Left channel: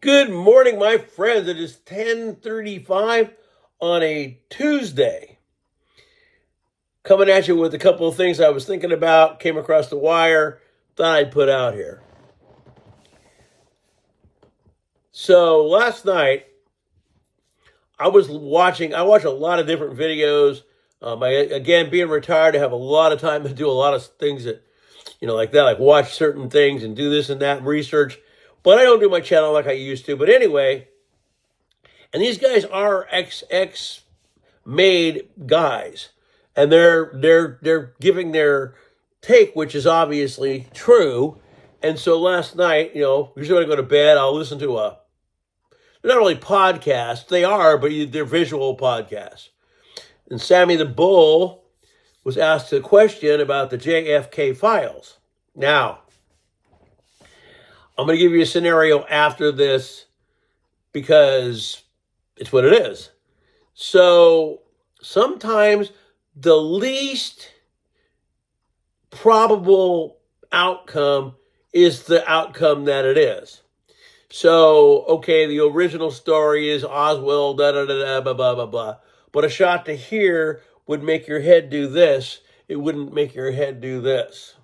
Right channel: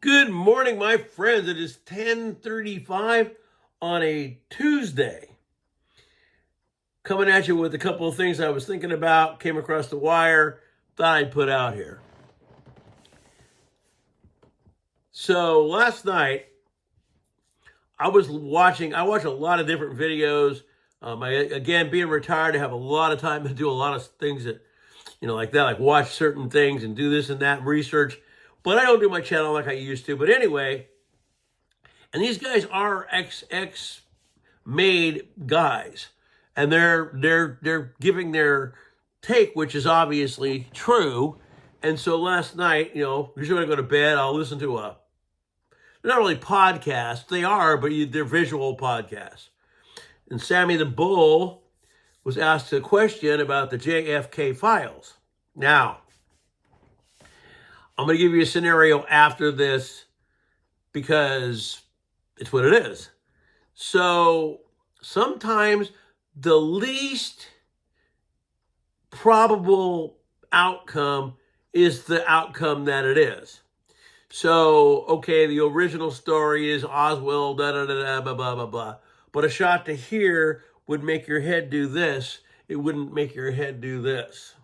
Good morning, my friends. It is 10:35 on a Tuesday. Coming at you with a couple of things I was thinking about, came across the wire, thought I'd put out here. So last night, I watch a lot of different videos. Again, being retired, I have a lot of time to do a lot of things that, like that, like watch certain things and do this and that and research. But I don't do my channel like I used to. But anyway, and these guys are ex made guys, and they're giving their take, which is obviously true. And so last night, usually when I go to bed, I'll listen to they're not really podcasts, they are, but they're visual podcasts. And Sammy the Bull was asked a question about the JFK files. Now, I'm going to give you a scenario after this because it's what it is. So sometimes the least probable outcome is the outcome that it is. So, okay, the original story is Oswald, da da da da, blah, blah, blah, blah. But a shot to here would make your head do this. It wouldn't make your head do this.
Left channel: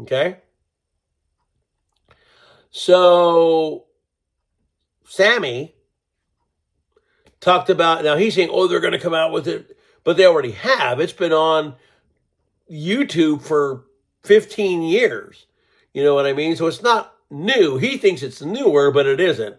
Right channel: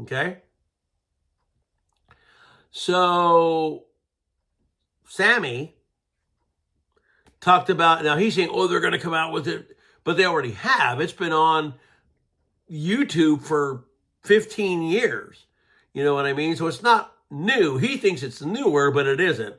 Okay? So, Sammy talked about, now he's saying, they're going to come out with it, but they already have. It's been on YouTube for 15 years. You know what I mean? So it's not new. He thinks it's newer, but it isn't.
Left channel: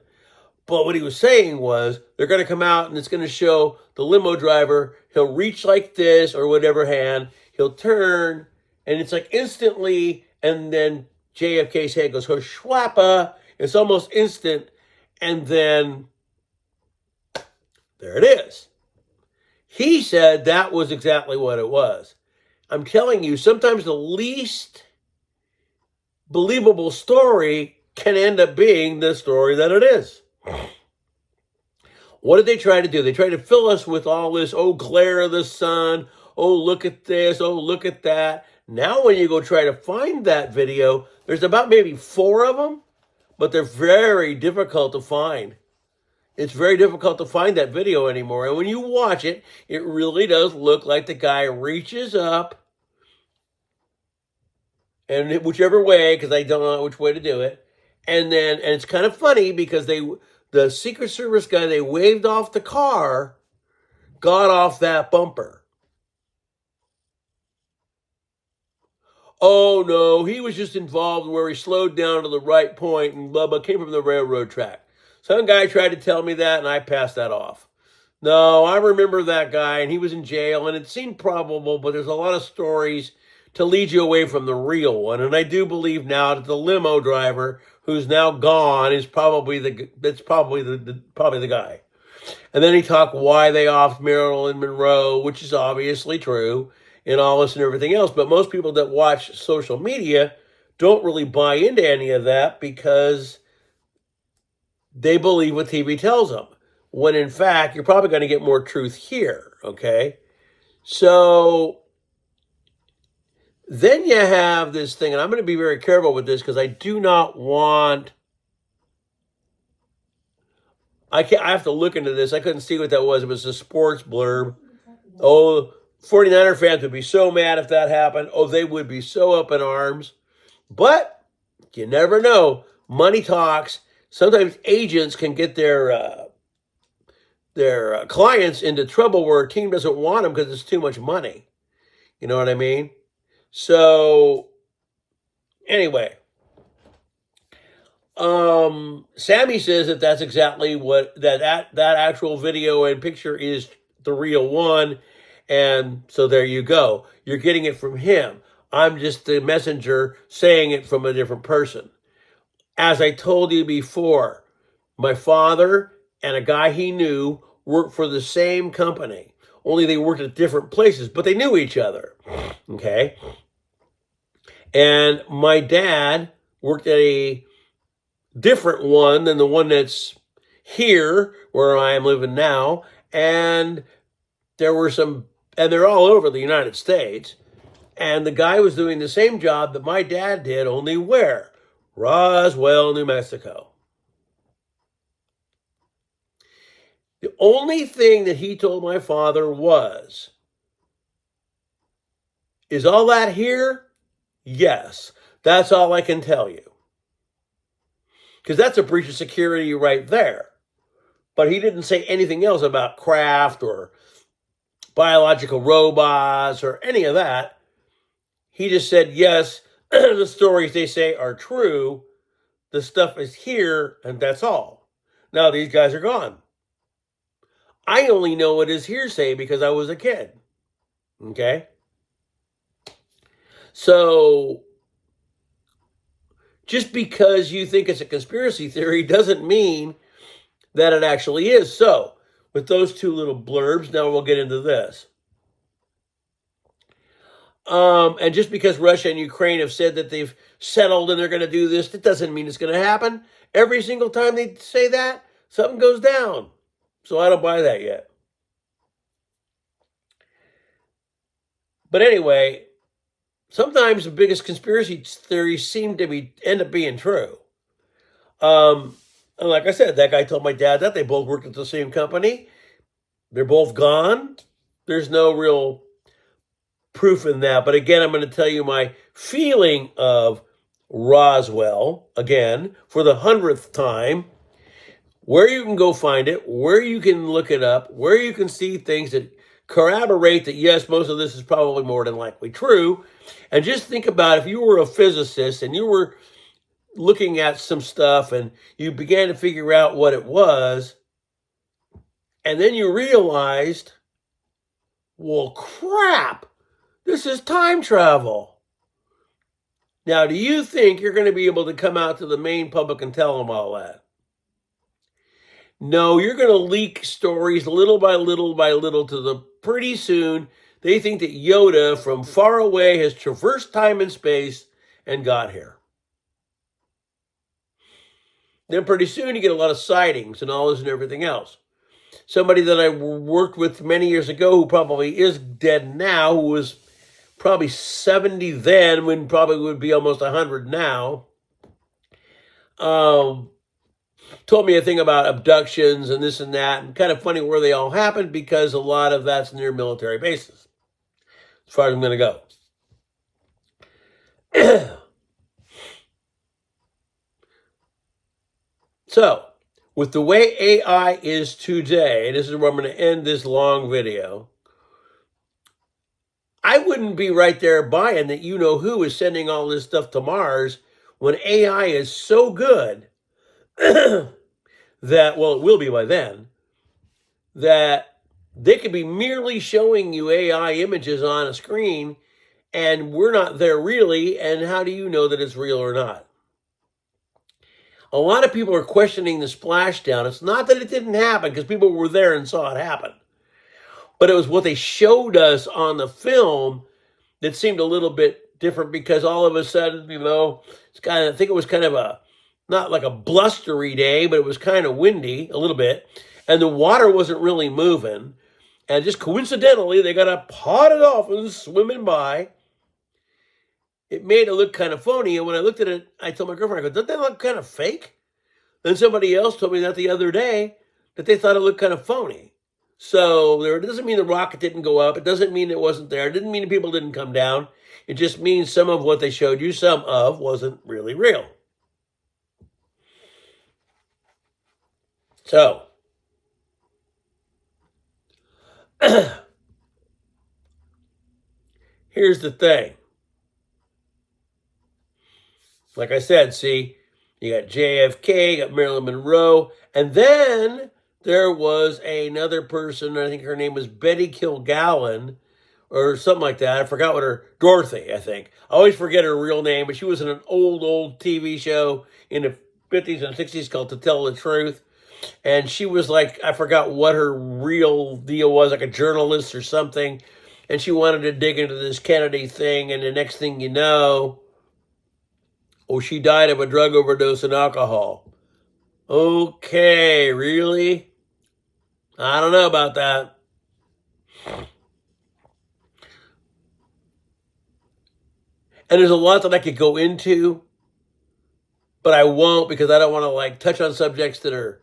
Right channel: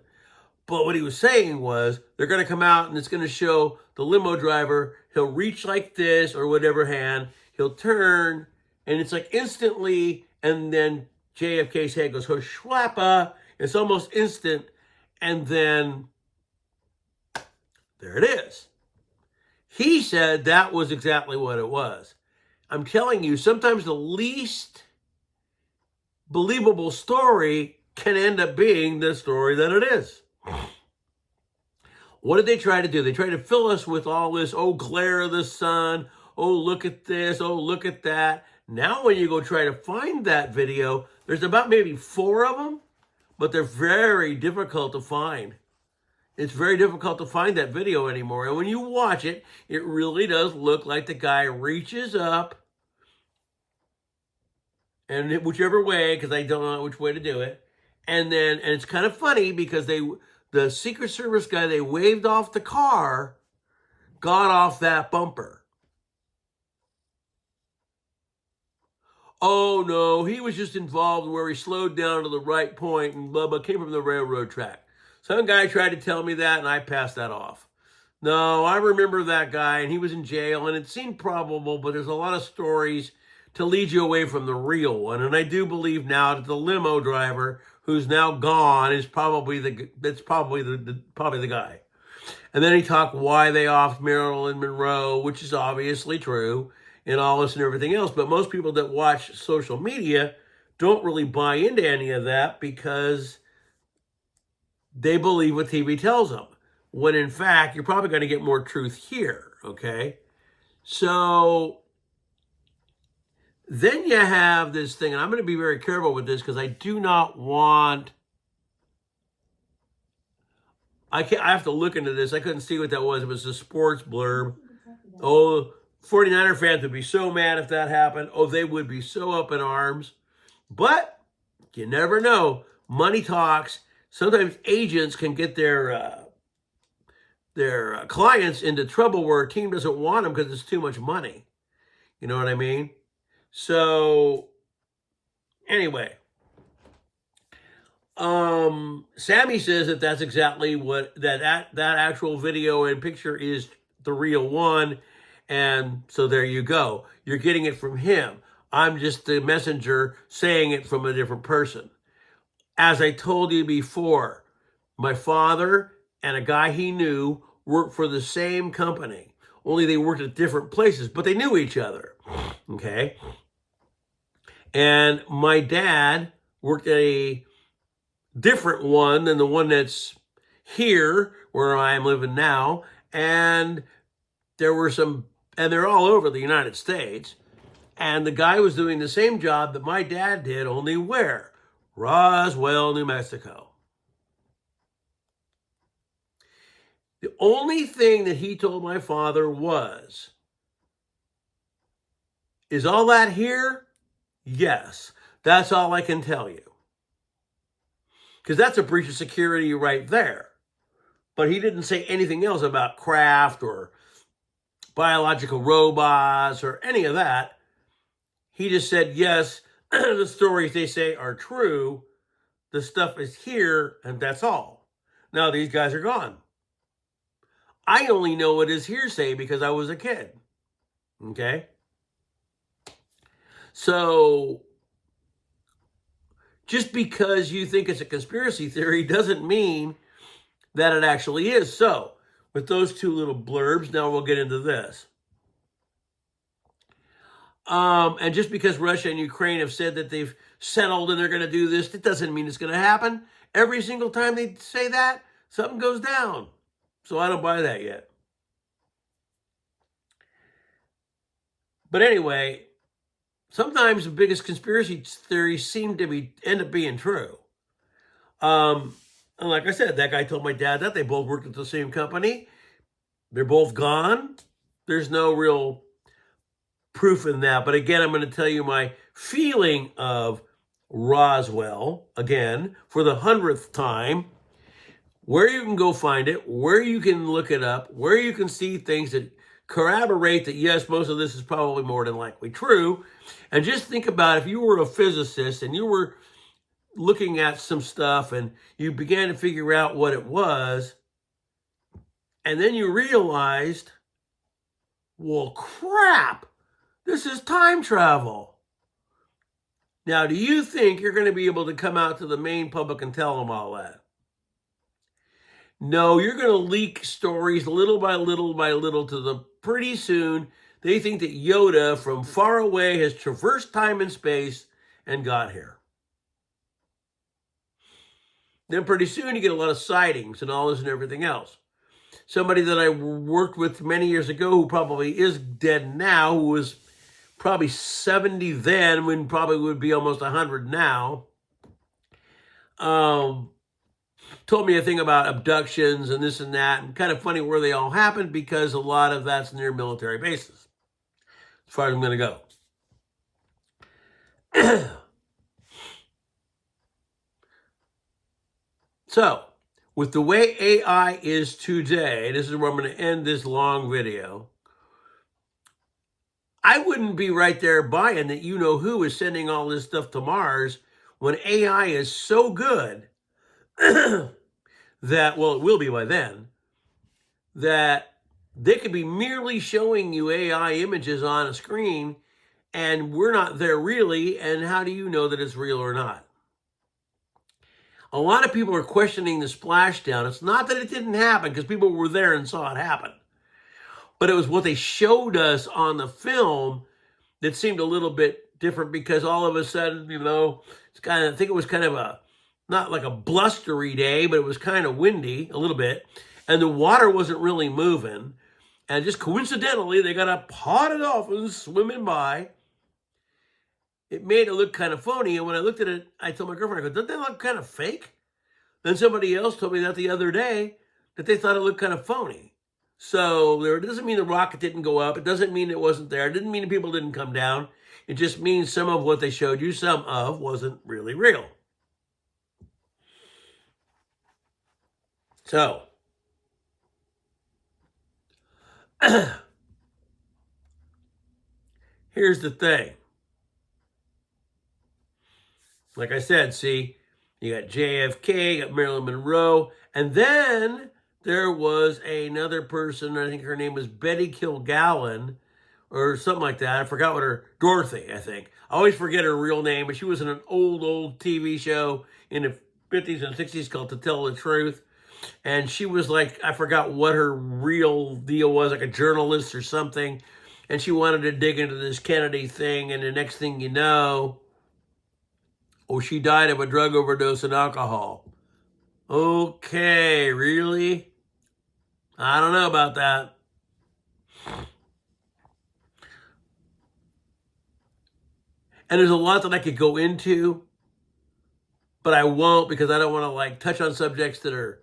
But what he was saying was they're going to come out and it's going to show the limo driver. He'll reach like this or whatever hand. He'll turn and it's like instantly. And then JFK's head goes, schwappa. It's almost instant. And then there it is. He said that was exactly what it was. I'm telling you, sometimes the least believable story can end up being the story that it is. What did they try to do? They tried to fill us with all this, glare of the sun, look at this, look at that. Now when you go try to find that video, there's about maybe 4 of them, but they're very difficult to find. It's very difficult to find that video anymore. And when you watch it, it really does look like the guy reaches up, and whichever way, because I don't know which way to do it. And it's kind of funny because the Secret Service guy, they waved off the car, got off that bumper. Oh no, he was just involved where he slowed down to the right point and blah, blah, came from the railroad track. Some guy tried to tell me that and I passed that off. No, I remember that guy and he was in jail and it seemed probable, but there's a lot of stories to lead you away from the real one. And I do believe now that the limo driver who's now gone is probably the guy. And then he talked why they offed Marilyn Monroe, which is obviously true, and all this and everything else. But most people that watch social media don't really buy into any of that because they believe what TV tells them. When in fact, you're probably going to get more truth here, okay? So then you have this thing, and I'm going to be very careful with this because I do not want... I have to look into this. I couldn't see what that was. It was a sports blurb. 49er fans would be so mad if that happened. They would be so up in arms. But you never know. Money talks. Sometimes agents can get their clients into trouble where a team doesn't want them because it's too much money. You know what I mean? So, anyway, Sammy says that that's exactly what, that actual video and picture is the real one. And so there you go. You're getting it from him. I'm just the messenger saying it from a different person. As I told you before, my father and a guy he knew worked for the same company. Only they worked at different places, but they knew each other. Okay? And my dad worked at a different one than the one that's here, where I am living now. And there were and they're all over the United States. And the guy was doing the same job that my dad did, only where? Roswell, New Mexico. only thing that he told my father was, is all that here? Yes. That's all I can tell you. Because that's a breach of security right there. But he didn't say anything else about craft or biological robots or any of that. He just said, yes, the stories they say are true. The stuff is here, and that's all. Now these guys are gone. I only know it is hearsay because I was a kid. Okay? So, just because you think it's a conspiracy theory doesn't mean that it actually is. So, with those two little blurbs, now we'll get into this. And just because Russia and Ukraine have said that they've settled and they're going to do this, that doesn't mean it's going to happen. Every single time they say that, something goes down. So I don't buy that yet. But anyway, sometimes the biggest conspiracy theories seem to end up being true. And like I said, that guy told my dad that. They both worked at the same company. They're both gone. There's no real proof in that. But again, I'm going to tell you my feeling of Roswell, again, for the 100th time, where you can go find it, where you can look it up, where you can see things that corroborate that, yes, most of this is probably more than likely true. And just think about if you were a physicist and you were looking at some stuff and you began to figure out what it was, and then you realized, well, crap, this is time travel. Now, do you think you're going to be able to come out to the main public and tell them all that? No, you're going to leak stories little by little by little to them. Pretty soon, they think that Yoda from far away has traversed time and space and got here. Then pretty soon you get a lot of sightings and all this and everything else. Somebody that I worked with many years ago who probably is dead now, who was probably 70 then, when probably would be almost 100 now, told me a thing about abductions and this and that, and kind of funny where they all happened because a lot of that's near military bases, as far as I'm going to go. So, with the way AI is today, this is where I'm going to end this long video, I wouldn't be right there buying that you-know-who is sending all this stuff to Mars when AI is so good that, well, it will be by then, that they could be merely showing you AI images on a screen and we're not there really, and how do you know that it's real or not? A lot of people are questioning the splashdown. It's not that it didn't happen, because people were there and saw it happen. But it was what they showed us on the film that seemed a little bit different, because all of a sudden, it's kind of, I think it was kind of not like a blustery day, but it was kind of windy a little bit. And the water wasn't really moving. And just coincidentally, they got a pod of dolphins swimming by. It made it look kind of phony. And when I looked at it, I told my girlfriend, I go, doesn't that look kind of fake? Then somebody else told me that the other day, that they thought it looked kind of phony. So it doesn't mean the rocket didn't go up. It doesn't mean it wasn't there. It didn't mean the people didn't come down. It just means some of what they showed you, some of, wasn't really real. So, here's the thing. Like I said, see, you got JFK, you got Marilyn Monroe, and then there was another person, I think her name was Betty Kilgallen, or something like that. I forgot what Dorothy, I think. I always forget her real name, but she was in an old TV show in the 50s and 60s called To Tell the Truth. And she was like, I forgot what her real deal was, like a journalist or something. And she wanted to dig into this Kennedy thing, and the next thing you know, she died of a drug overdose and alcohol. Okay, really? I don't know about that. And there's a lot that I could go into, but I won't, because I don't want to touch on subjects that are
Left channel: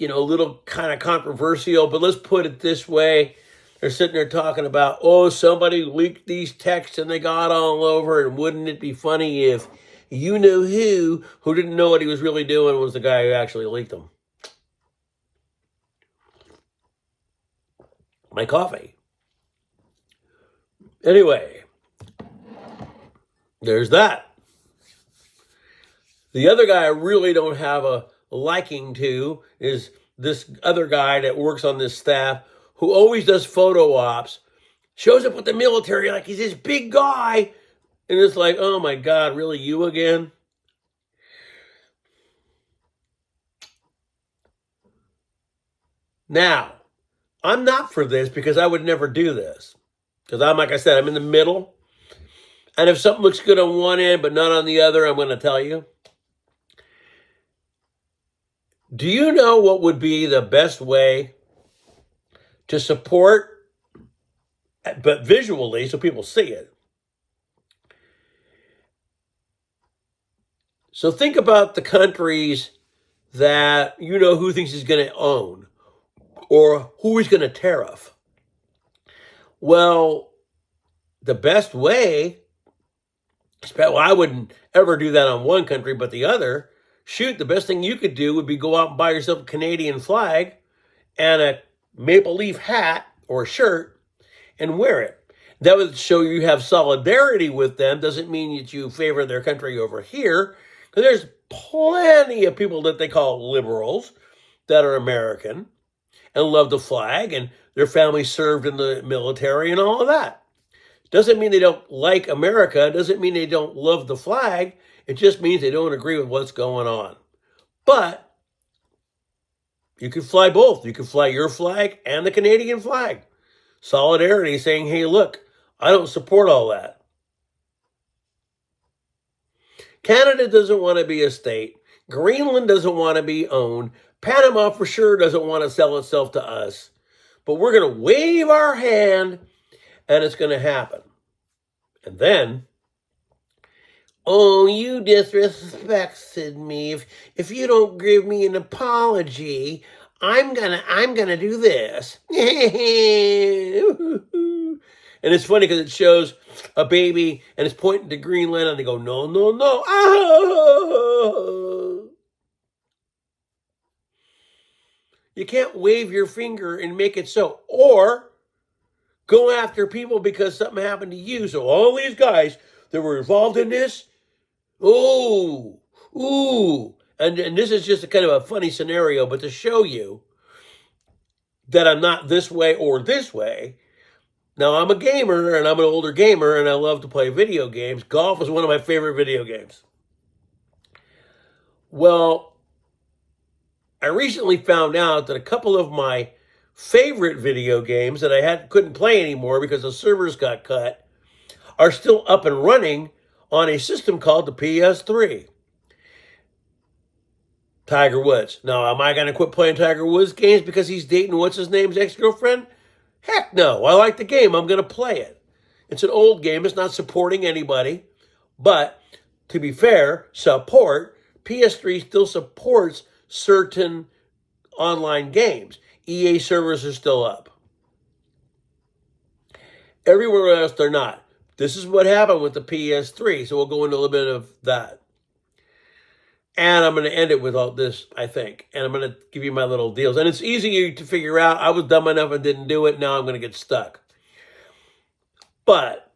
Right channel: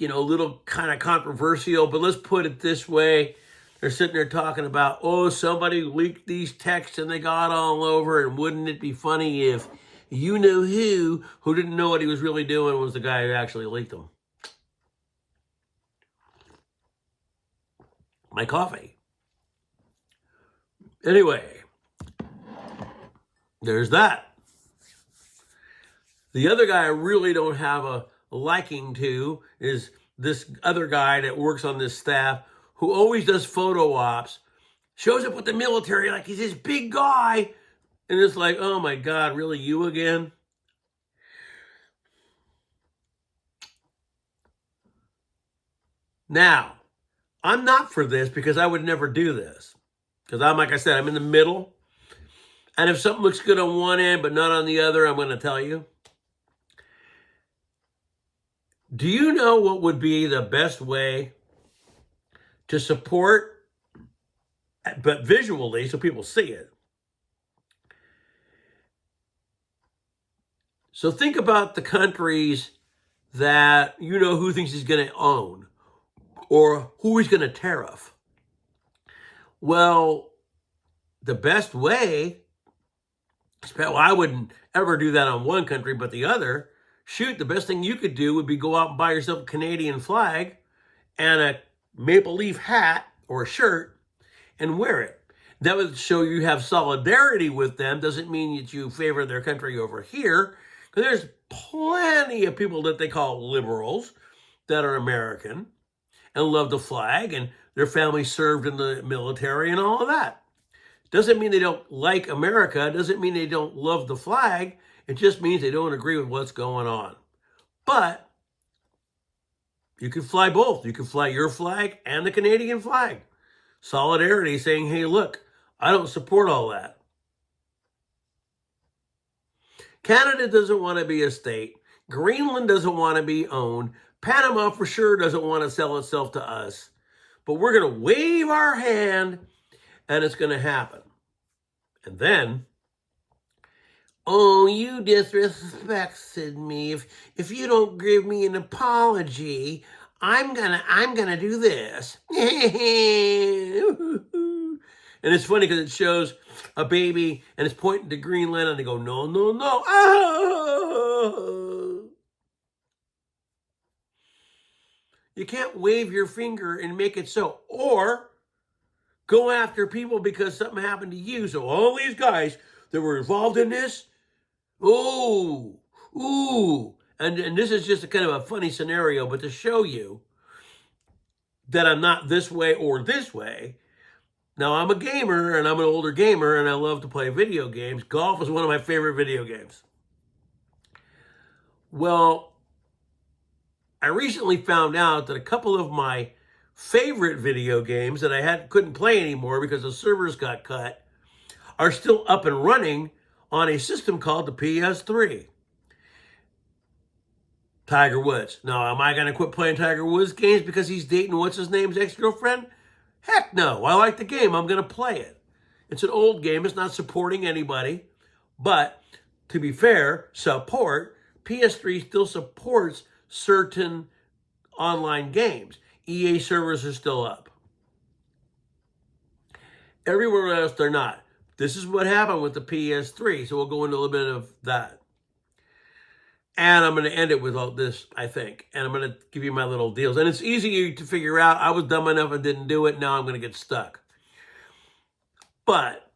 a little kind of controversial, but let's put it this way. They're sitting there talking about, oh, somebody leaked these texts and they got all over, and wouldn't it be funny if you know who didn't know what he was really doing was the guy who actually leaked them. My coffee. Anyway, there's that. The other guy I really don't have a liking to is this other guy that works on this staff who always does photo ops, shows up with the military like he's this big guy, and it's like, oh my God, really, you again? Now, I'm not for this because I would never do this. Because like I said, I'm in the middle. And if something looks good on one end but not on the other, I'm going to tell you. Do you know what would be the best way to support, but visually, so people see it? So think about the countries that who thinks he's going to own or who he's going to tariff. Well, the best way, well, I wouldn't ever do that on one country, but the other, shoot, the best thing you could do would be go out and buy yourself a Canadian flag and a maple leaf hat or a shirt and wear it. That would show you have solidarity with them. Doesn't mean that you favor their country over here, because there's plenty of people that they call liberals that are American and love the flag, and their family served in the military and all of that. Doesn't mean they don't like America. Doesn't mean they don't love the flag. It just means they don't agree with what's going on. But you can fly both. You can fly your flag and the Canadian flag. Solidarity, saying, hey, look, I don't support all that. Canada doesn't want to be a state. Greenland doesn't want to be owned. Panama for sure doesn't want to sell itself to us. But we're going to wave our hand and it's going to happen. And then, oh, you disrespected me. If you don't give me an apology, I'm gonna do this. And it's funny because it shows a baby and it's pointing to Greenland and they go, no, no, no. Oh. You can't wave your finger and make it so. Or go after people because something happened to you. So all these guys that were involved in this, ooh. And this is just a kind of a funny scenario, but to show you that I'm not this way or this way. Now, I'm a gamer, and I'm an older gamer, and I love to play video games. Golf is one of my favorite video games. Well, I recently found out that a couple of my favorite video games that I couldn't play anymore because the servers got cut are still up and running on a system called the PS3. Tiger Woods. Now, am I going to quit playing Tiger Woods games because he's dating what's-his-name's ex-girlfriend? Heck no. I like the game. I'm going to play it. It's an old game. It's not supporting anybody. But, to be fair, PS3 still supports certain online games. EA servers are still up. Everywhere else, they're not. This is what happened with the PS3, so we'll go into a little bit of that. And I'm going to end it with all this, I think. And I'm going to give you my little deals. And it's easy to figure out. I was dumb enough and didn't do it. Now I'm going to get stuck. But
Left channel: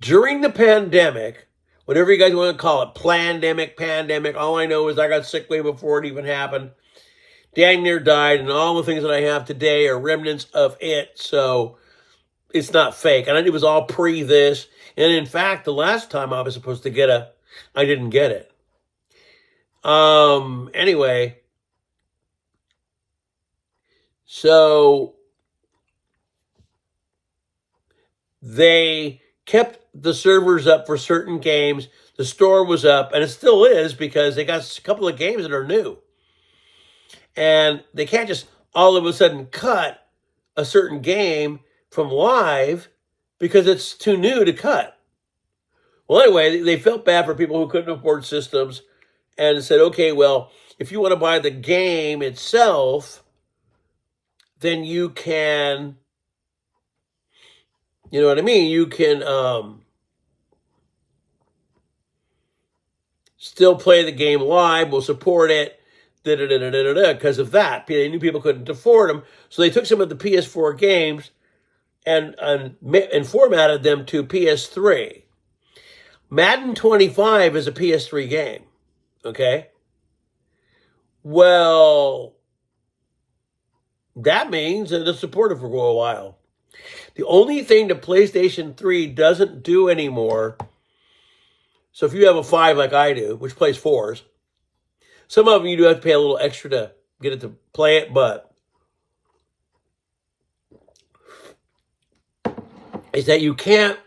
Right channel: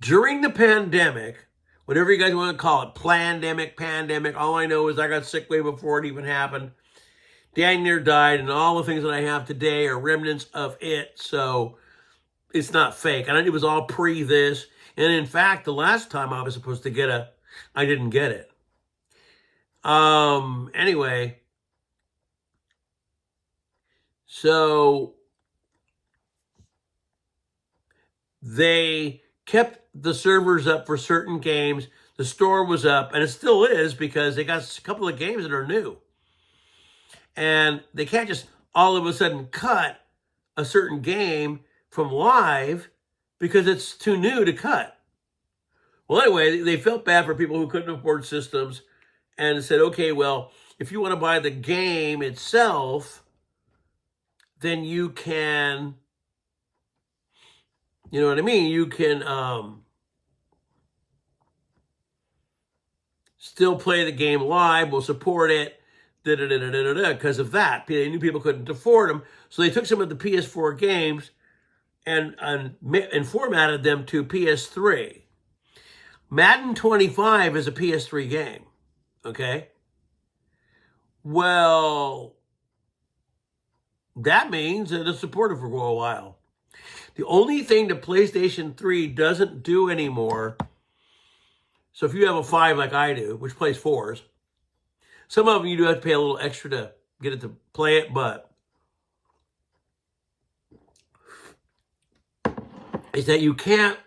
during the pandemic, whatever you guys want to call it, pandemic, all I know is I got sick way before it even happened. Dang near died, and all the things that I have today are remnants of it. So it's not fake. And it was all pre this. And in fact, the last time I was supposed to get I didn't get it. Anyway, so they kept the servers up for certain games. The store was up, and it still is because they got a couple of games that are new. And they can't just all of a sudden cut a certain game from live because it's too new to cut. Well, anyway, they felt bad for people who couldn't afford systems, and said, okay, well, if you want to buy the game itself, then you can, you know what I mean? You can still play the game live. We'll support it. Because of that, they knew people couldn't afford them, so they took some of the PS4 games and formatted them to PS3. Madden 25 is a PS3 game. Okay. Well, that means that it's supported for a while. The only thing the PlayStation 3 doesn't do anymore, so if you have a 5 like I do, which plays 4s, some of them you do have to pay a little extra to get it to play it, but is that you can't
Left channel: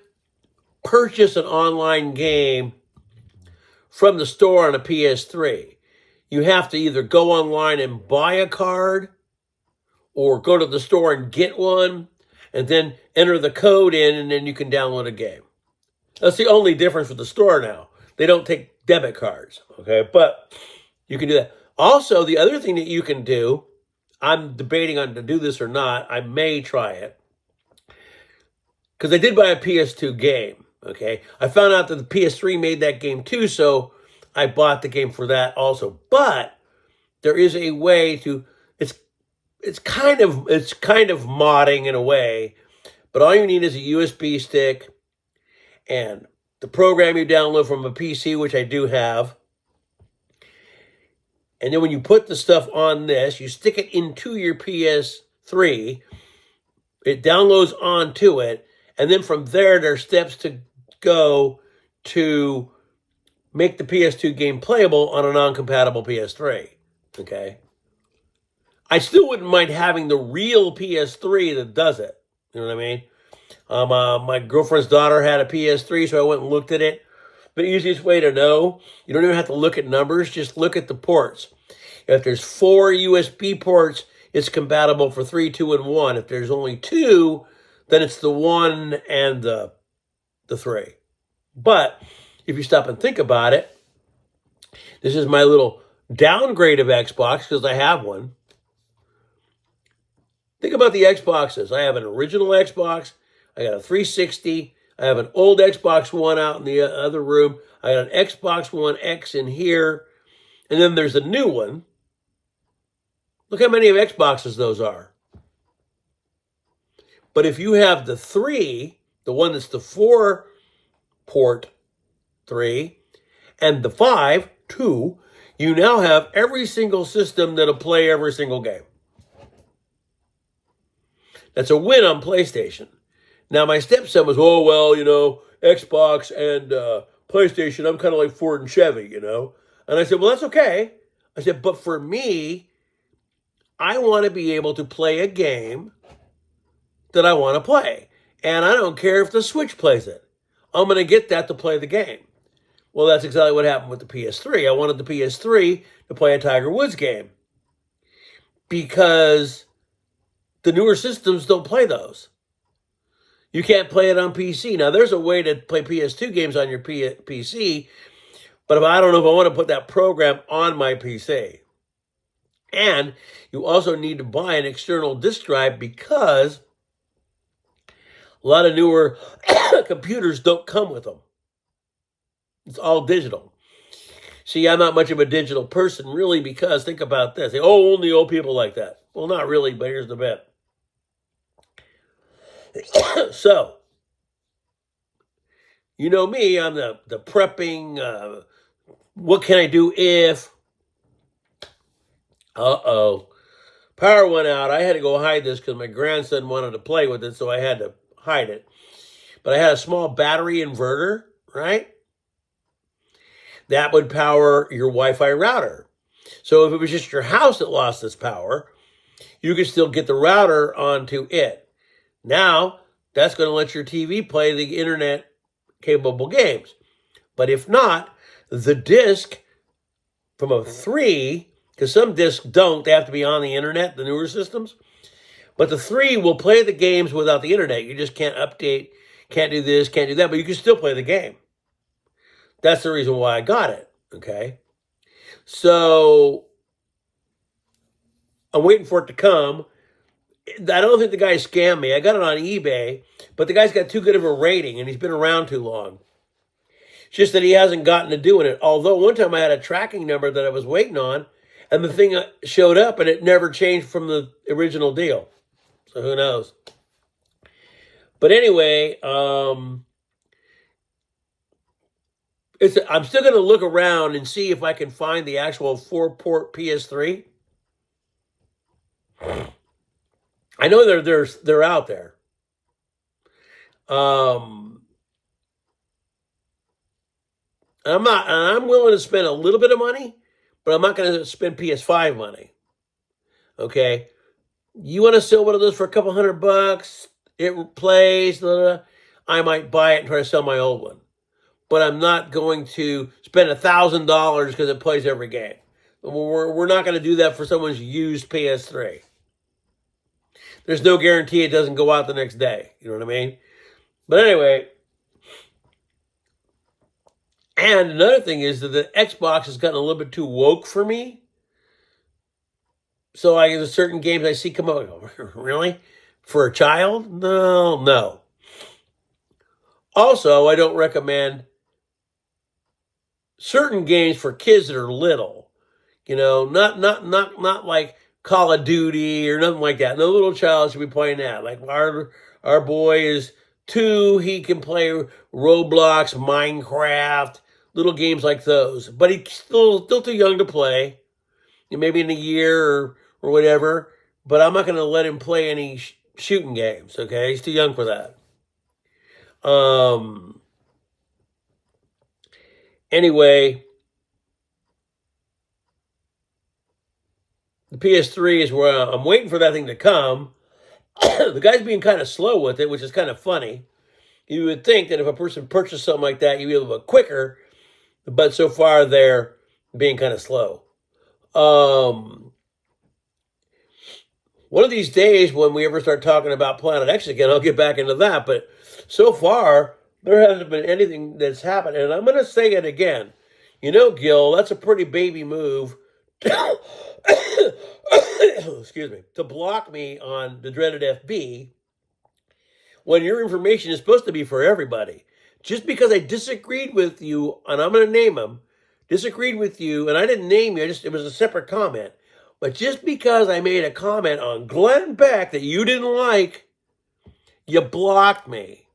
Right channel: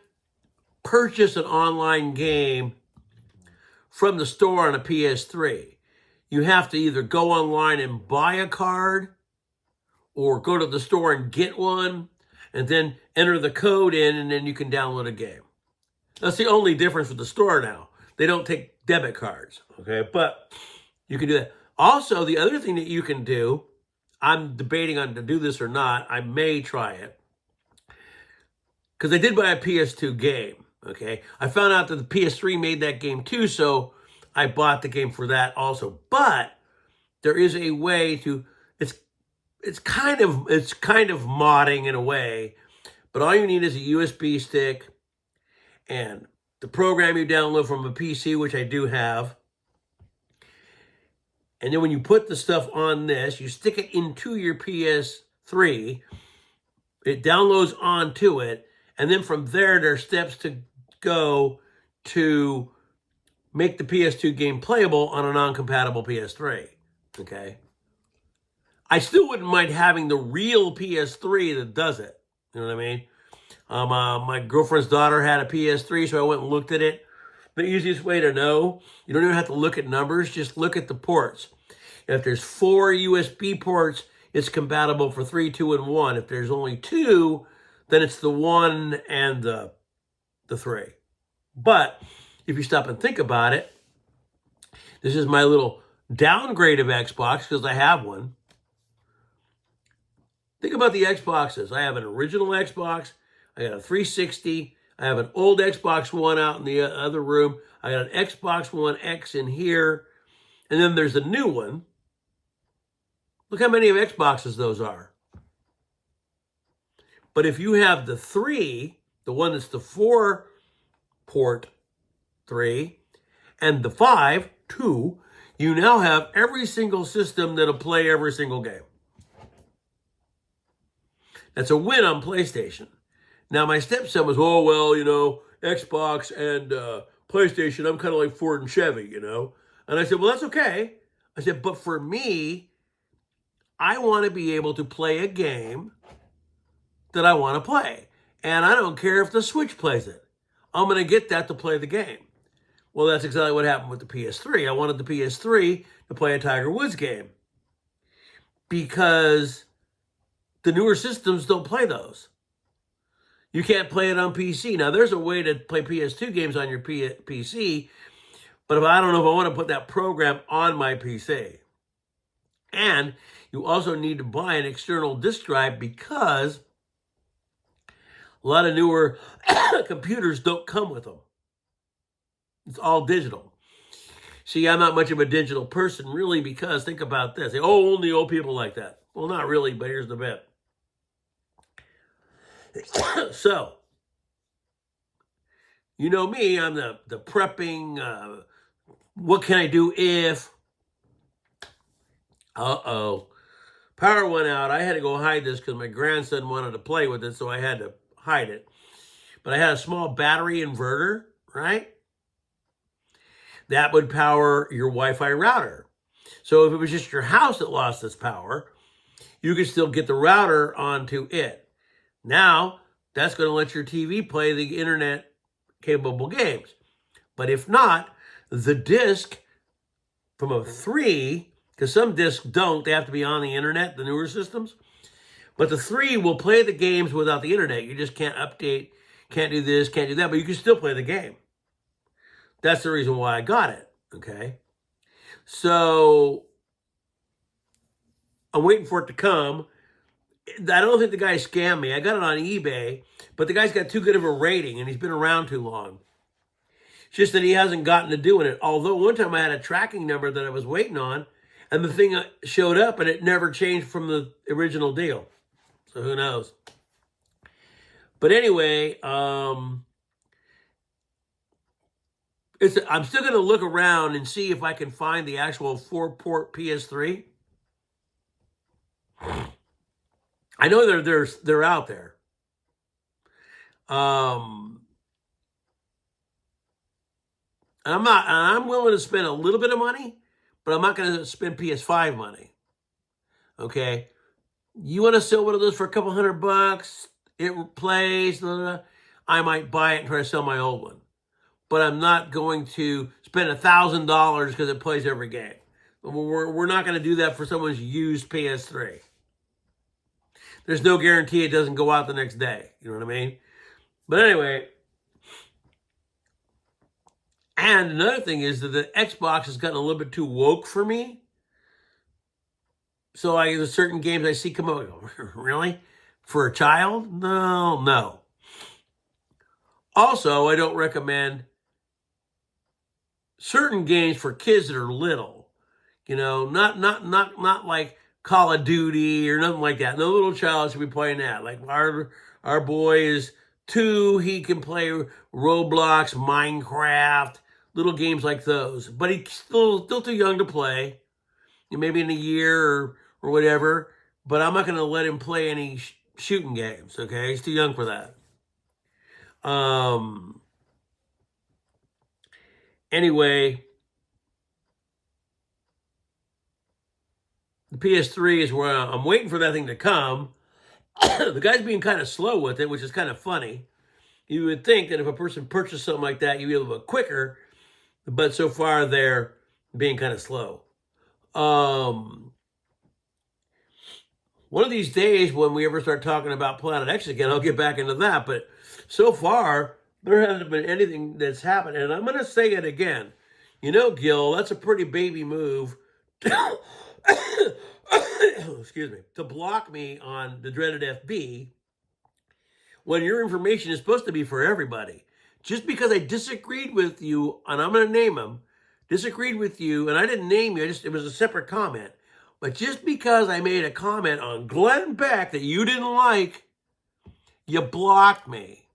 purchase an online game from the store on a PS3. You have to either go online and buy a card or go to the store and get one and then enter the code in, and then you can download a game. That's the only difference with the store now. They don't take debit cards, okay? But you can do that. Also, the other thing that you can do, I'm debating on to do this or not. I may try it. Because I did buy a PS2 game, okay? I found out that the PS3 made that game too, so I bought the game for that also. But there is a way to, it's kind of modding in a way, but all you need is a USB stick and the program you download from a PC, which I do have. And then when you put the stuff on this, you stick it into your PS3, it downloads onto it, and then from there are steps to go to make the PS2 game playable on a non-compatible PS3, okay? I still wouldn't mind having the real PS3 that does it, you know what I mean? My girlfriend's daughter had a PS3, so I went and looked at it. The easiest way to know, you don't even have to look at numbers, just look at the ports. If there's 4 USB ports, it's compatible for 3, 2, and 1. If there's only 2, then it's the 1 and the 3. But if you stop and think about it, this is my little downgrade of Xbox because I have one. Think about the Xboxes. I have an original Xbox. I got a 360. I have an old Xbox One out in the other room. I got an Xbox One X in here. And then there's a new one. Look how many of Xboxes those are. But if you have the 3, the one that's the 4-port 3, and the 5, 2, you now have every single system that'll play every single game. That's a win on PlayStation. Now, my stepson was, oh, well, you know, Xbox and PlayStation, I'm kind of like Ford and Chevy, you know. And I said, well, that's okay. I said, but for me, I want to be able to play a game that I want to play. And I don't care if the Switch plays it. I'm going to get that to play the game. Well, that's exactly what happened with the PS3. I wanted the PS3 to play a Tiger Woods game because the newer systems don't play those. You can't play it on PC. Now, there's a way to play PS2 games on your PC, but if I don't know if I want to put that program on my PC. And you also need to buy an external disk drive because a lot of newer computers don't come with them. It's all digital. See, I'm not much of a digital person, really, because think about this. Oh, only old people like that. Well, not really, but here's the bit. So, you know me, I'm the prepping, what can I do if, power went out. I had to go hide this because my grandson wanted to play with it, so I had to hide it. But I had a small battery inverter, right? That would power your Wi-Fi router. So if it was just your house that lost its power, you could still get the router onto it. Now, that's going to let your TV play the internet-capable games. But if not, the disc from a 3, because some discs don't, they have to be on the internet, the newer systems. But the 3 will play the games without the internet. You just can't update, can't do this, can't do that, but you can still play the game. That's the reason why I got it, okay? So I'm waiting for it to come. I don't think the guy scammed me. I got it on eBay, but the guy's got too good of a rating and he's been around too long. It's just that he hasn't gotten to doing it. Although one time I had a tracking number that I was waiting on, and the thing showed up and it never changed from the original deal. So who knows? But anyway, I'm still going to look around and see if I can find the actual 4-port PS3. I know they're out there. I'm willing to spend a little bit of money, but I'm not going to spend PS5 money. Okay, you want to sell one of those for a couple $100? It plays. Blah, blah, blah. I might buy it and try to sell my old one, but I'm not going to spend $1,000 because it plays every game. We're not going to do that for someone's used PS3. There's no guarantee it doesn't go out the next day. You know what I mean? But anyway, and another thing is that the Xbox has gotten a little bit too woke for me. So there's certain games I see come out, I go, really? For a child? No. Also, I don't recommend certain games for kids that are little. You know, not like Call of Duty or nothing like that. No little child should be playing that. Like our boy is 2, he can play Roblox, Minecraft, little games like those. But he's still too young to play. Maybe in a year or whatever. But I'm not going to let him play any shooting games, okay? He's too young for that. Anyway, the PS3 is where I'm waiting for that thing to come. The guy's being kind of slow with it, which is kind of funny. You would think that if a person purchased something like that, you'd be a little bit quicker. But so far, they're being kind of slow. One of these days, when we ever start talking about Planet X again, I'll get back into that. But so far, there hasn't been anything that's happened. And I'm going to say it again. You know, Gil, that's a pretty baby move. Excuse me. To block me on the dreaded FB when your information is supposed to be for everybody. Just because I disagreed with you, and I'm going to name them, disagreed with you, and I didn't name you, it was a separate comment. But just because I made a comment on Glenn Beck that you didn't like, you blocked me.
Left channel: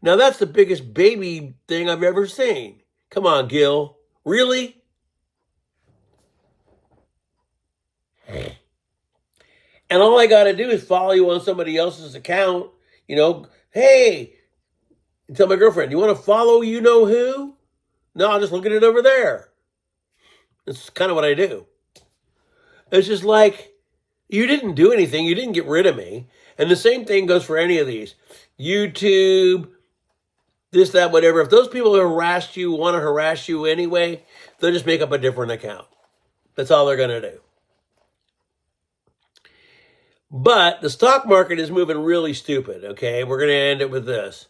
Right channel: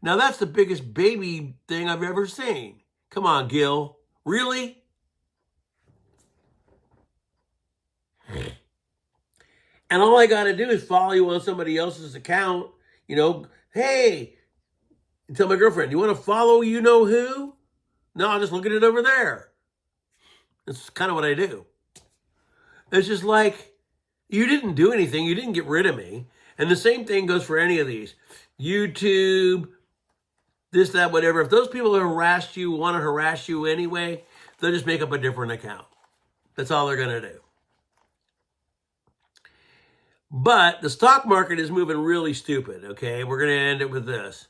Now, that's the biggest baby thing I've ever seen. Come on, Gil. Really? And all I got to do is follow you on somebody else's account. You know, hey, tell my girlfriend, you want to follow you know who? No, I'm just looking at it over there. That's kind of what I do. It's just like, you didn't do anything. You didn't get rid of me. And the same thing goes for any of these. YouTube, this, that, whatever. If those people harassed you, want to harass you anyway, they'll just make up a different account. That's all they're going to do. But the stock market is moving really stupid, okay? We're going to end it with this.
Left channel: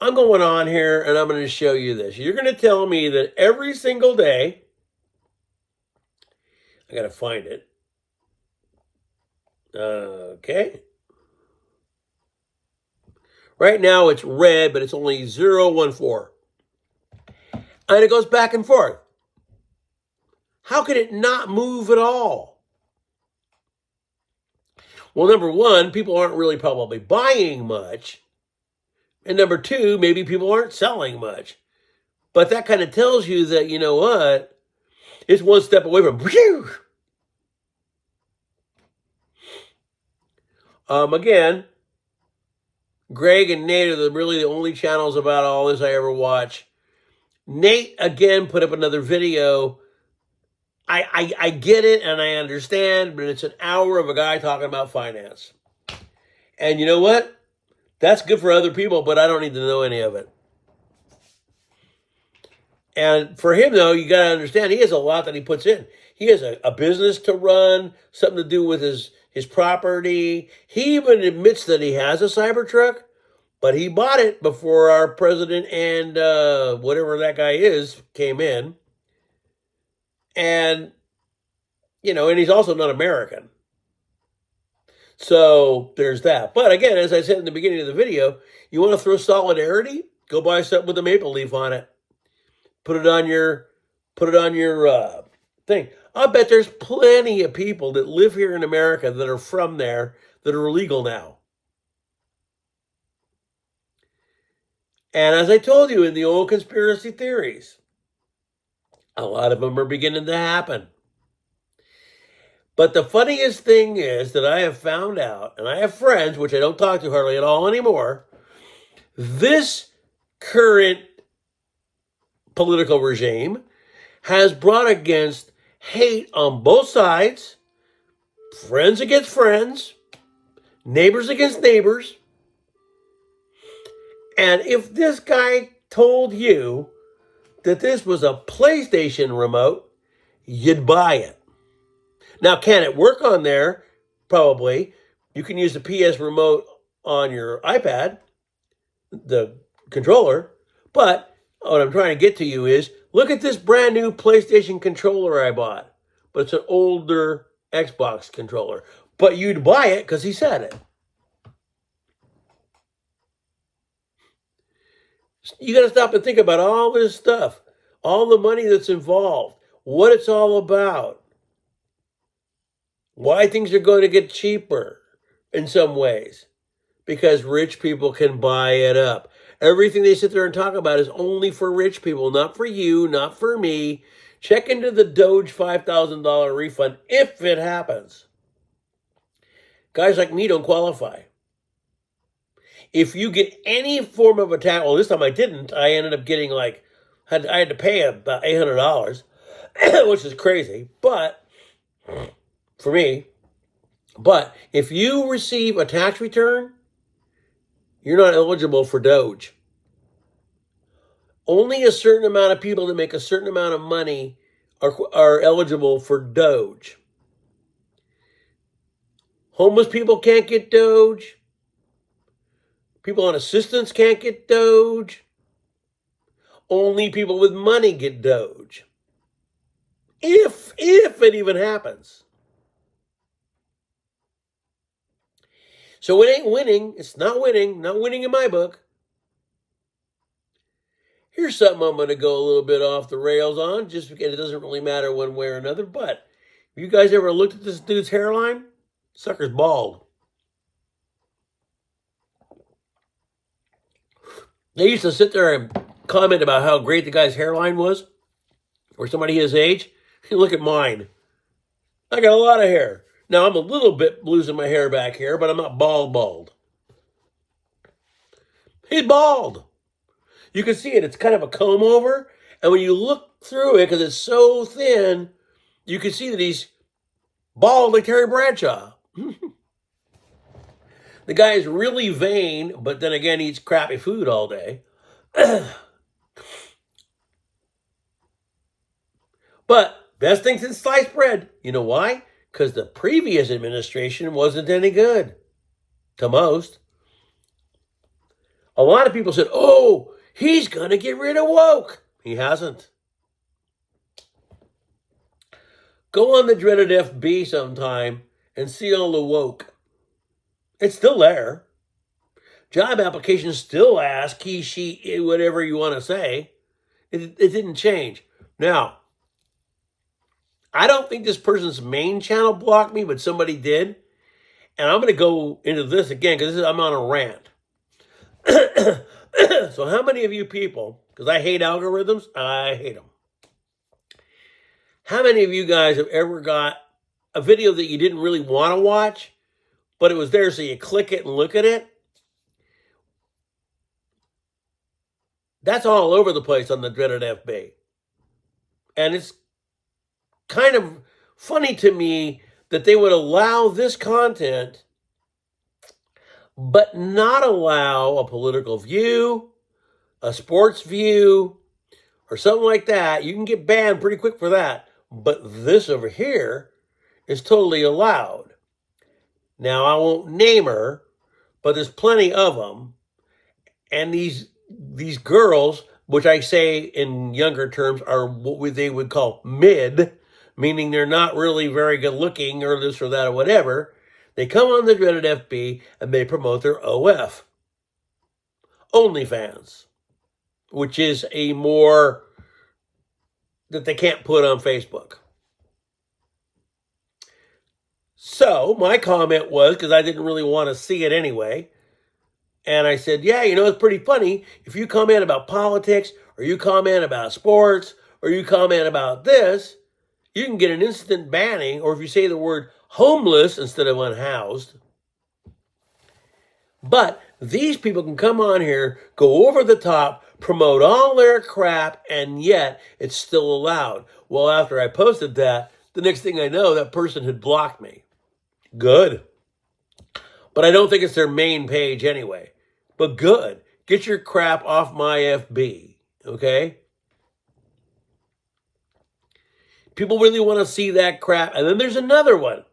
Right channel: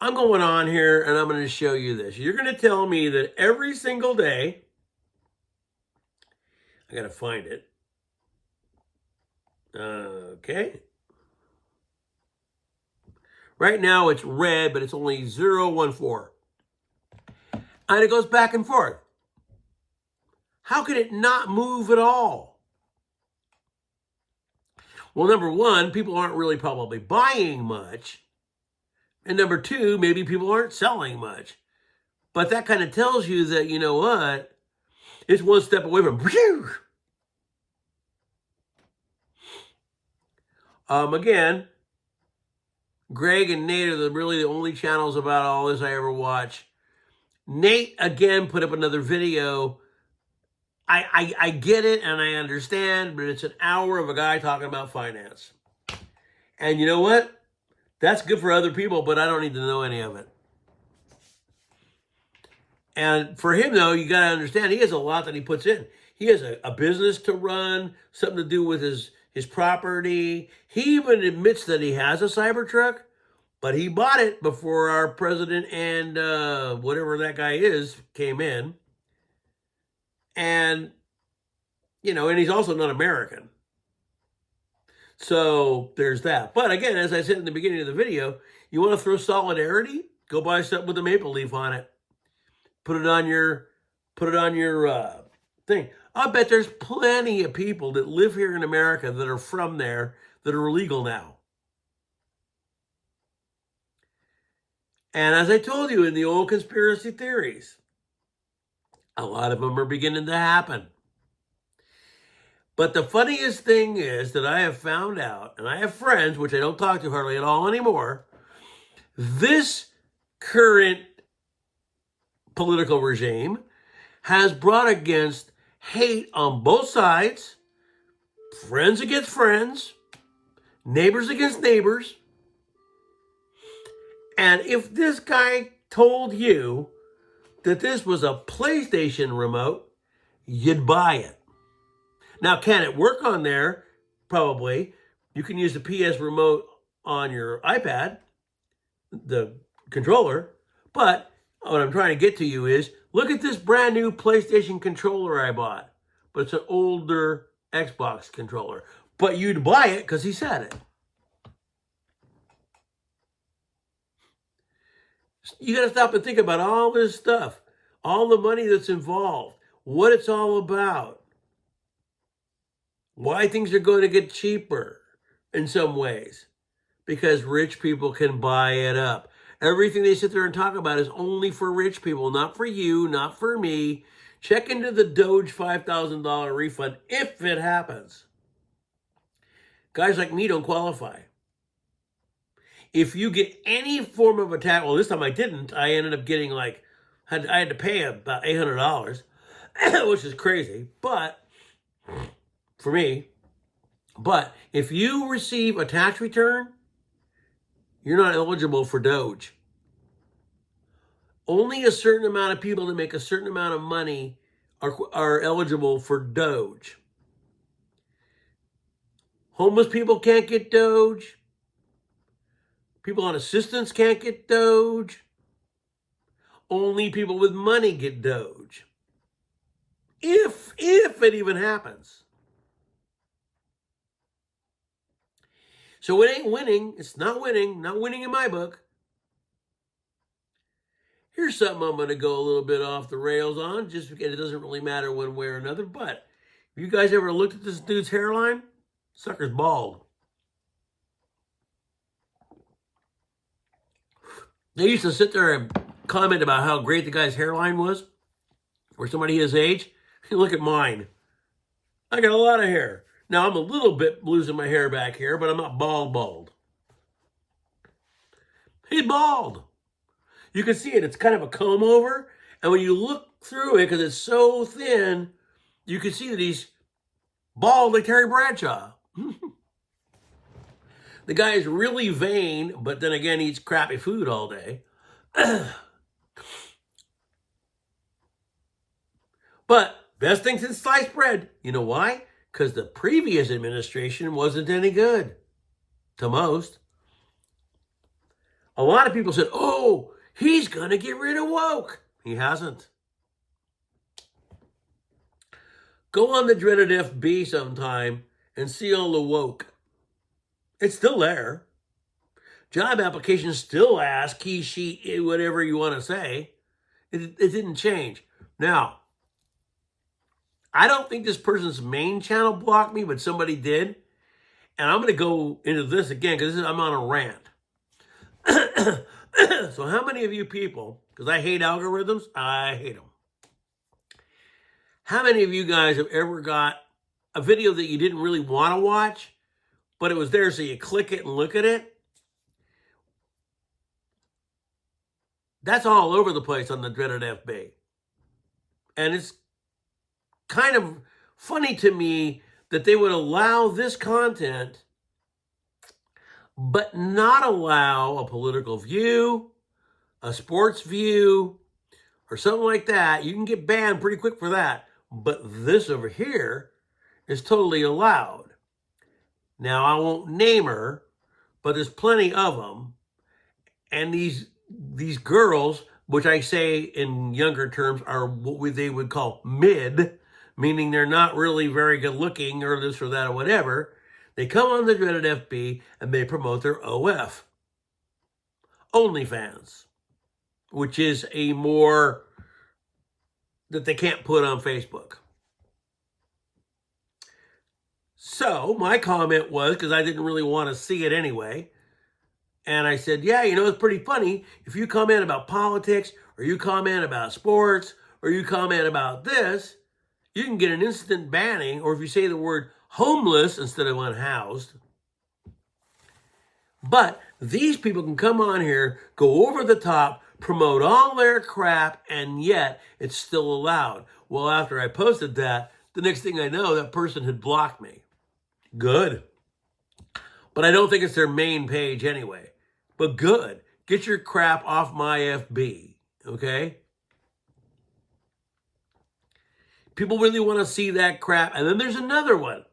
I'm going on here and I'm going to show you this. You're going to tell me that every single day, I got to find it. Okay. Right now it's red, but it's only 0.14. And it goes back and forth. How could it not move at all? Well, number one, people aren't really probably buying much. And number two, maybe people aren't selling much. But that kind of tells you that, you know what, it's one step away from whew. Again, Greg and Nate are really the only channels about all this I ever watch. Nate, again, put up another video. I get it and I understand, but it's an hour of a guy talking about finance. And you know what? That's good for other people, but I don't need to know any of it. And for him, though, you got to understand, he has a lot that he puts in. He has a business to run, something to do with his property. He even admits that he has a Cybertruck, but he bought it before our president and whatever that guy is came in. And, and he's also not American. So there's that. But again, as I said in the beginning of the video, you want to throw solidarity? Go buy something with a maple leaf on it. Put it on your thing. I bet there's plenty of people that live here in America that are from there that are illegal now. And as I told you in the old conspiracy theories, a lot of them are beginning to happen. But the funniest thing is that I have found out, and I have friends, which I don't talk to hardly at all anymore, this current political regime has brought against hate on both sides, friends against friends, neighbors against neighbors. And if this guy told you that this was a PlayStation remote, you'd buy it. Now, can it work on there? Probably. You can use the PS remote on your iPad, the controller. But what I'm trying to get to you is, look at this brand new PlayStation controller I bought. But it's an older Xbox controller. But you'd buy it because he said it. You got to stop and think about all this stuff, all the money that's involved, what it's all about, why things are going to get cheaper in some ways, because rich people can buy it up. Everything they sit there and talk about is only for rich people, not for you, not for me. Check into the Doge $5,000 refund if it happens. Guys like me don't qualify. If you get any form of attack, well, this time I didn't. I ended up getting I had to pay about $800, which is crazy, but for me. But if you receive a tax return, you're not eligible for Doge. Only a certain amount of people that make a certain amount of money are eligible for Doge. Homeless people can't get Doge. People on assistance can't get Doge. Only people with money get Doge. If it even happens. So it ain't winning. It's not winning. Not winning in my book. Here's something I'm going to go a little bit off the rails on, just because it doesn't really matter one way or another. But have you guys ever looked at this dude's hairline? Sucker's bald. They used to sit there and comment about how great the guy's hairline was, or somebody his age. Look at mine. I got a lot of hair. Now, I'm a little bit losing my hair back here, but I'm not bald. He's bald. You can see it. It's kind of a comb over. And when you look through it, because it's so thin, you can see that he's bald like Terry Bradshaw. The guy is really vain, but then again, eats crappy food all day. But best thing since sliced bread. You know why? Because the previous administration wasn't any good to most. A lot of people said, oh, he's going to get rid of woke. He hasn't. Go on the dreaded FB sometime and see all the woke. It's still there. Job applications still ask he, she, whatever you want to say. It didn't change. Now, I don't think this person's main channel blocked me, but somebody did. And I'm going to go into this again because I'm on a rant. So how many of you people, because I hate algorithms, I hate them. How many of you guys have ever got a video that you didn't really want to watch, but it was there so you click it and look at it? That's all over the place on the dreaded FB. And it's kind of funny to me that they would allow this content, but not allow a political view, a sports view, or something like that. You can get banned pretty quick for that. But this over here is totally allowed. Now, I won't name her, but there's plenty of them. And these girls, which I say in younger terms are what they would call mid, meaning they're not really very good looking or this or that or whatever. They come on the dreaded FB and they promote their OF, OnlyFans, which is a more that they can't put on Facebook. So my comment was, because I didn't really want to see it anyway, and I said, yeah, it's pretty funny. If you comment about politics, or you comment about sports, or you comment about this, you can get an instant banning, or if you say the word homeless instead of unhoused. But these people can come on here, go over the top, promote all their crap, and yet it's still allowed. Well, after I posted that, the next thing I know, that person had blocked me. Good. But I don't think it's their main page anyway. But good. Get your crap off my FB, okay? People really want to see that crap. And then there's another one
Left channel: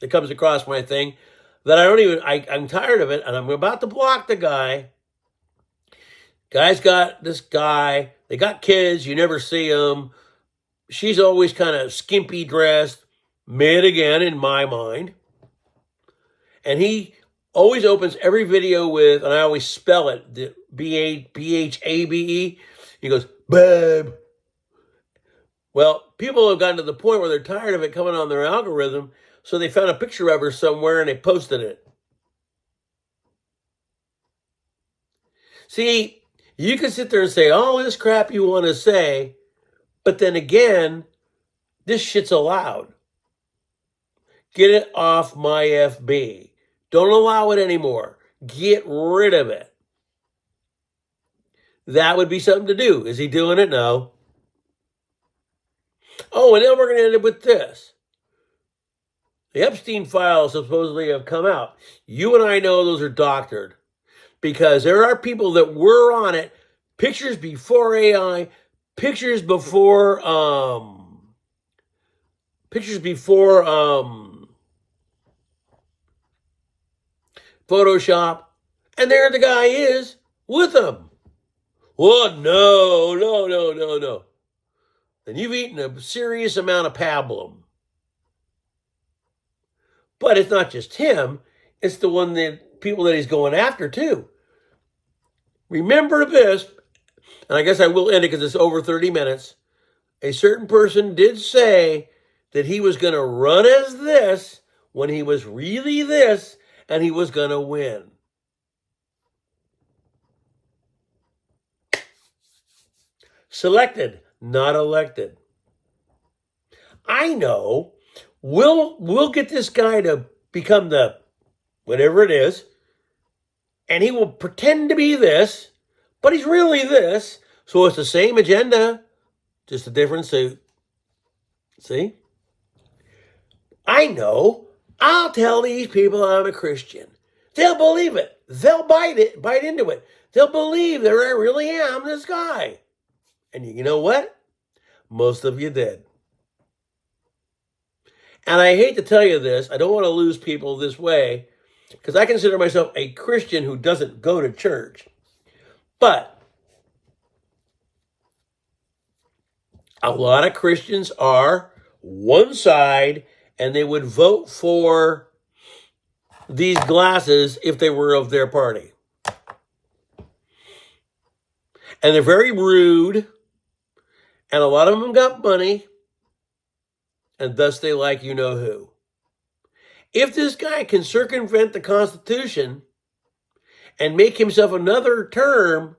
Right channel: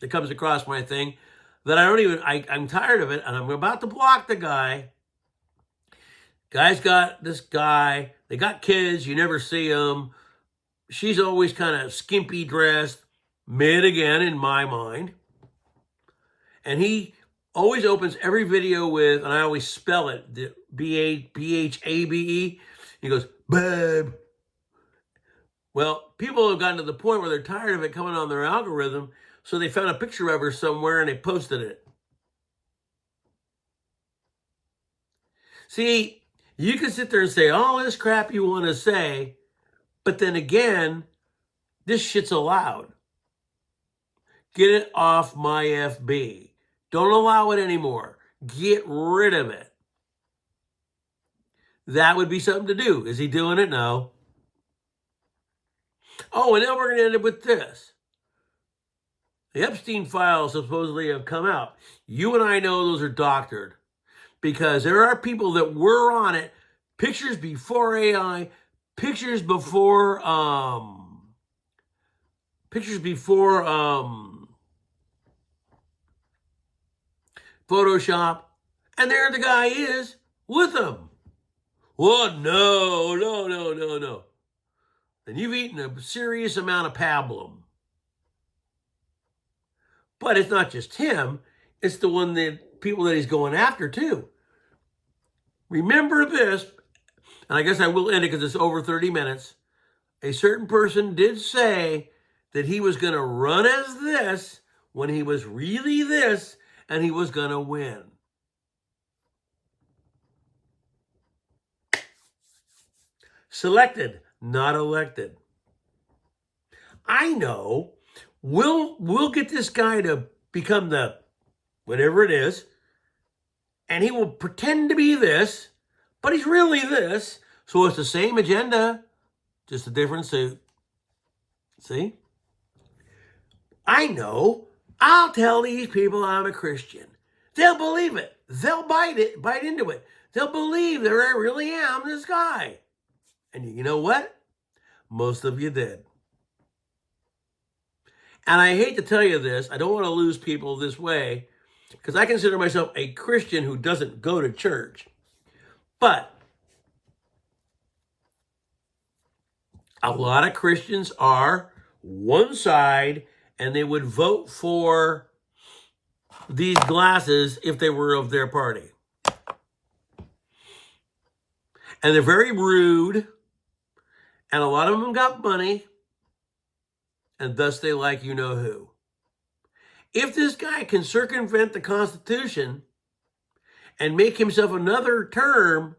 that comes across my thing that I'm tired of it, and I'm about to block the guy. Guy's got this guy. They got kids. You never see them. She's always kind of skimpy dressed. Mid again, in my mind. And he always opens every video with, and I always spell it, B-H-A-B-E. He goes, babe. Well, people have gotten to the point where they're tired of it coming on their algorithm, so they found a picture of her somewhere and they posted it. See, you can sit there and say all this crap you want to say, but then again, this shit's allowed. Get it off my FB. Don't allow it anymore. Get rid of it. That would be something to do. Is he doing it? No. Oh, and then we're going to end up with this. The Epstein files supposedly have come out. You and I know those are doctored because there are people that were on it. Pictures before AI, pictures before Photoshop, and there the guy is with them. Well, no. Then you've eaten a serious amount of pablum. But it's not just him, it's the one that people that he's going after too. Remember this, and I guess I will end it because it's over 30 minutes. A certain person did say that he was going to run as this when he was really this, and he was going to win. Selected, not elected. I know. We'll get this guy to become the whatever it is, and he will pretend to be this, but he's really this. So it's the same agenda, just a different suit. See? I know. I'll tell these people I'm a Christian. They'll believe it. They'll bite into it. They'll believe that I really am this guy. And you know what? Most of you did. And I hate to tell you this. I don't want to lose people this way because I consider myself a Christian who doesn't go to church. But a lot of Christians are one side, and they would vote for these glasses if they were of their party. And they're very rude, and a lot of them got money, and thus they like you-know-who. If this guy can circumvent the Constitution and make himself another term,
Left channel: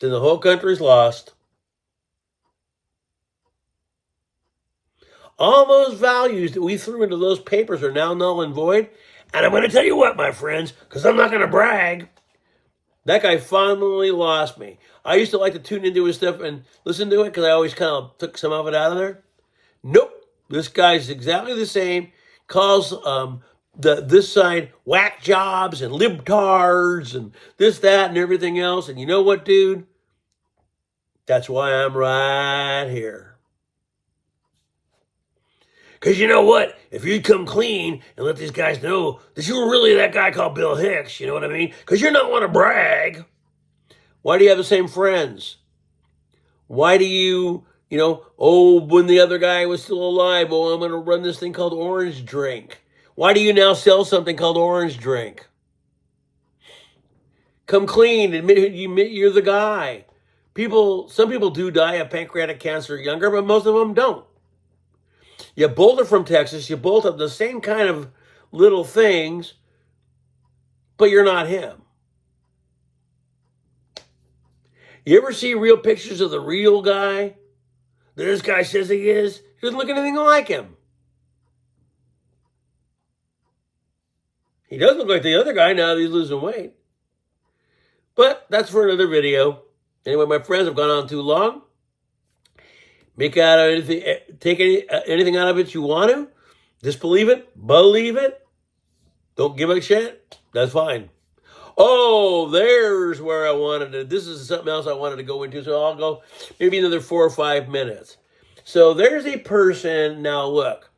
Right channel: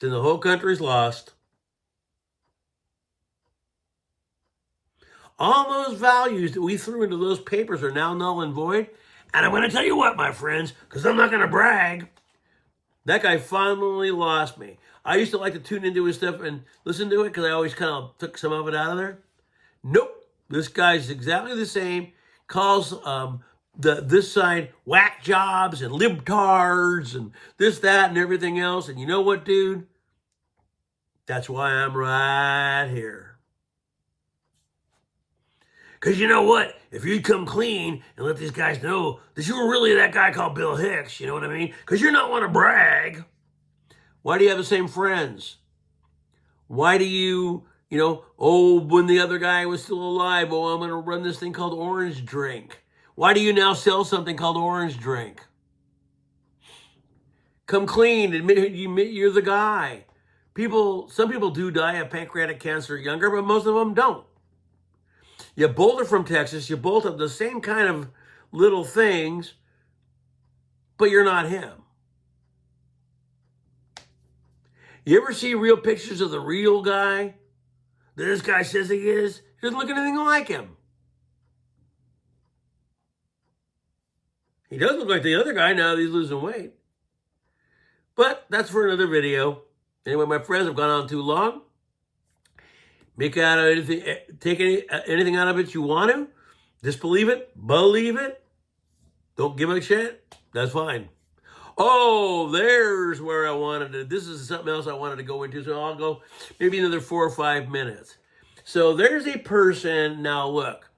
then the whole country's lost. All those values that we threw into those papers are now null and void. And I'm going to tell you what, my friends, because I'm not going to brag. That guy finally lost me. I used to like to tune into his stuff and listen to it because I always kind of took some of it out of there. Nope. This guy's exactly the same. Calls this side whack jobs and libtards and this, that, and everything else. And you know what, dude? That's why I'm right here. Because you know what? If you'd come clean and let these guys know that you were really that guy called Bill Hicks, you know what I mean? Because you're not want to brag. Why do you have the same friends? Why do you You know, oh, when the other guy was still alive, oh, I'm going to run this thing called orange drink. Why do you now sell something called orange drink? Come clean, admit you're the guy. Some people do die of pancreatic cancer younger, but most of them don't. You both are from Texas. You both have the same kind of little things, but you're not him. You ever see real pictures of the real guy that this guy says he is? He doesn't look anything like him. He does look like the other guy now that he's losing weight. But that's for another video. Anyway, my friends, I've gone on too long. Make out anything, take anything out of it you want to. Disbelieve it, believe it. Don't give a shit. That's fine. Oh, there's where I wanted to. This is something else I wanted to go into, so I'll go maybe another 4 or 5 minutes. So there's a person. Now look,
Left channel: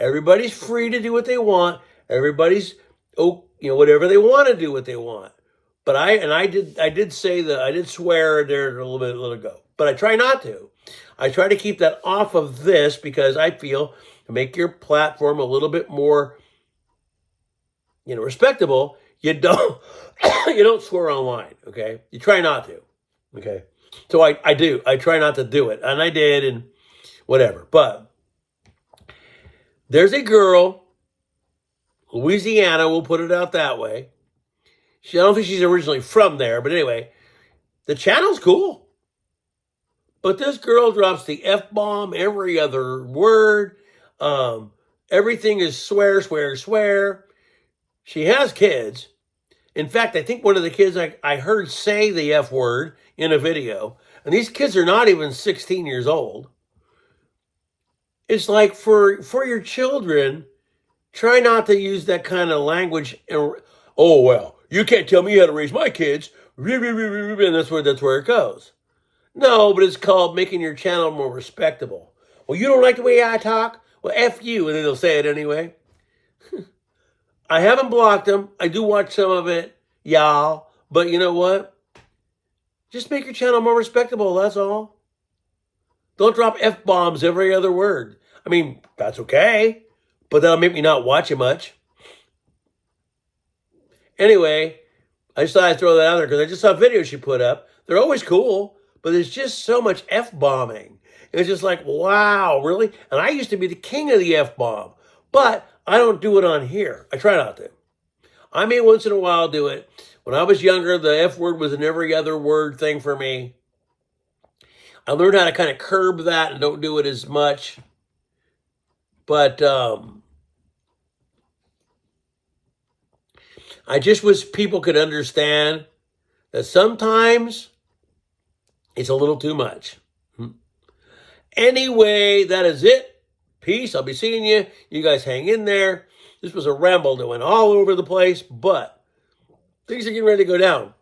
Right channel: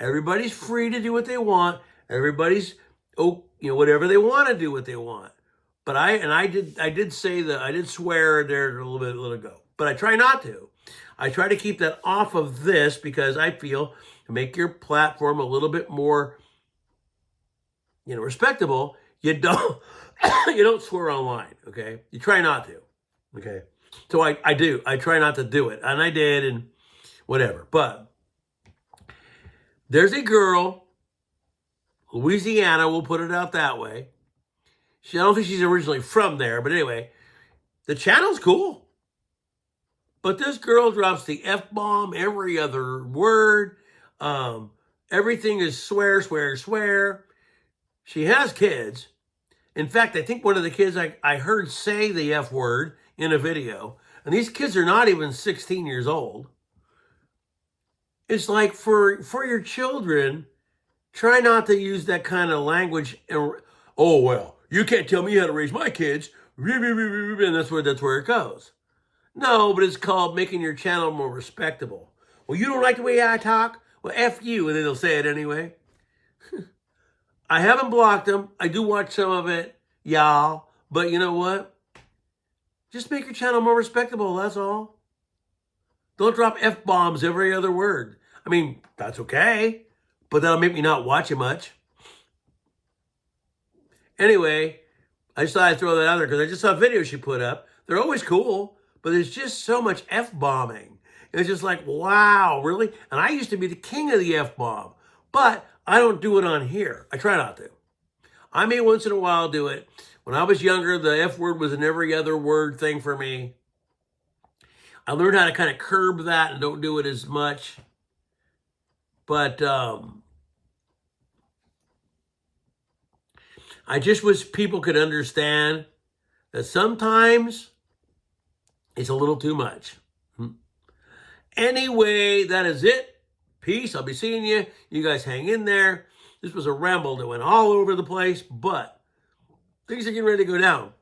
everybody's free to do what they want. Everybody's whatever they want to do what they want. But I did swear there a little ago. But I try not to. I try to keep that off of this because I feel to make your platform a little bit more, respectable. You don't swear online, okay? You try not to, okay? So I do. I try not to do it, and I did, and whatever. But there's a girl, Louisiana, we'll put it out that way. I don't think she's originally from there, but anyway, the channel's cool. But this girl drops the F-bomb every other word. Everything is swear, swear, swear. She has kids. In fact, I think one of the kids I heard say the F word in a video. And these kids are not even 16 years old. It's like for your children, try not to use that kind of language. Oh, well, you can't tell me how to raise my kids. And that's where it goes. No, but it's called making your channel more respectable. Well, you don't like the way I talk? Well, F you, and then they'll say it anyway. I haven't blocked them. I do watch some of it, y'all. But you know what? Just make your channel more respectable, that's all. Don't drop F-bombs every other word. I mean, that's okay, but that'll make me not watch it much. Anyway, I just thought I'd throw that out there because I just saw videos she put up. They're always cool, but there's just so much F-bombing. It's just like, wow, really? And I used to be the king of the F-bomb, but I don't do it on here. I try not to. I may once in a while do it. When I was younger, the F word was an every other word thing for me. I learned how to kind of curb that and don't do it as much. But I just wish people could understand that sometimes it's a little too much. Anyway, that is it. Peace. I'll be seeing you. You guys hang in there. This was a ramble that went all over the place, but things are getting ready to go down.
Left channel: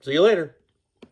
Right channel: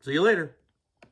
See you later.